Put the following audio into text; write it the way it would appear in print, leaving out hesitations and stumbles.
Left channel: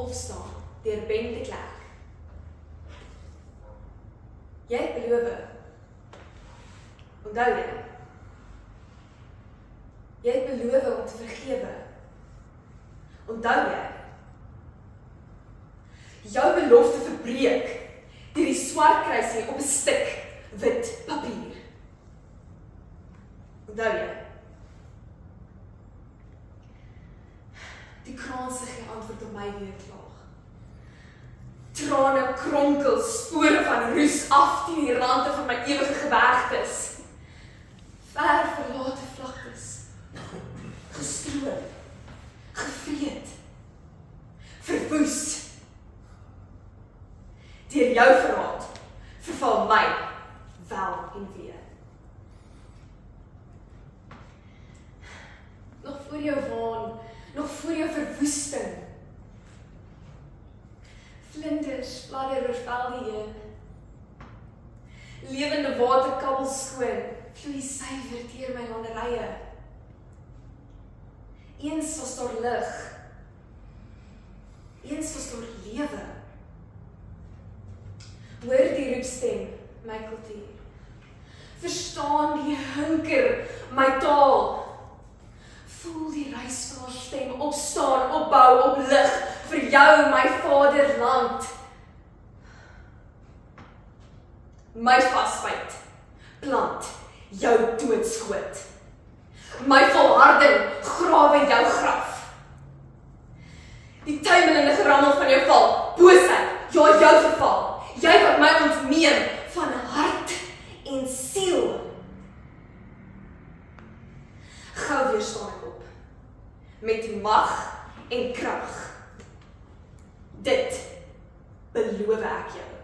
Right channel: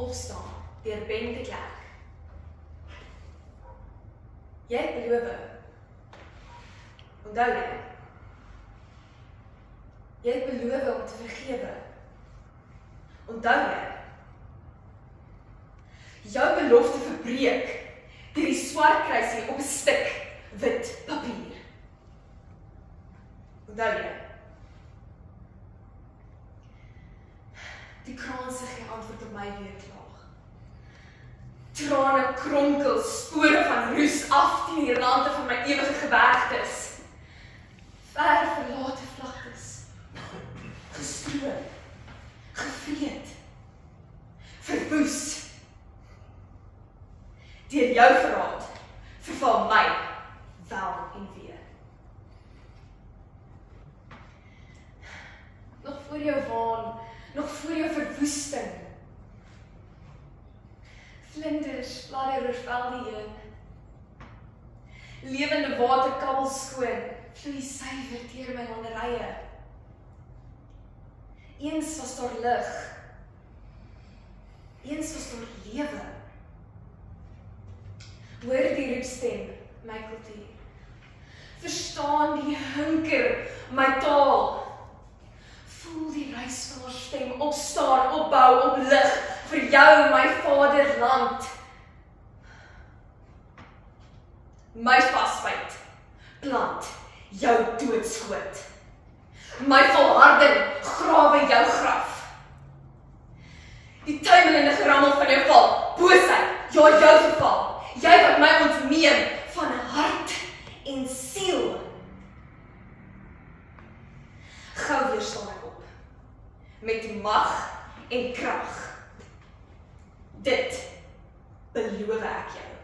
Opstaan deur Ben de Klerk. Jy het beloof. Onthou jy? Jy het beloof om te vergewe. Onthou jy? Jou belofte verbreek deur die swart kruisie op 'n stuk wit papier. Onthou jy? Die kraanse gee antwoord op my weerklaag. Trane kronkel, spore van roes af teen die rande van my ewige gebergtes. Ver verlate vlaktes. Gestroom, gevreed, verwoes. Deur jou verraad verval my wel en weer. Nog voor jou waan, nog voor jou verwoesting. Vlinders fladder oor velde heen. Lewende water kabbel skoon, vloei suiwer deur my landerye. Eens was daar lig. Eens was daar lewe. Hoor die roepstem, my kultuur. Verstaan die hunker, my taal. Voel die reis van haar stem, opstaan, opbou, oplig, vir jou, my vaderland. My vasbyt, plant, jou doodskoot. My volharding, grawe jou graf. Die tuimelende gerammel van jou val, boosheid, ja jou verval. Jy wat my ontneem van hart en siel. Gou weer staan ek op, met mag en krag. Dit beloof ek jou.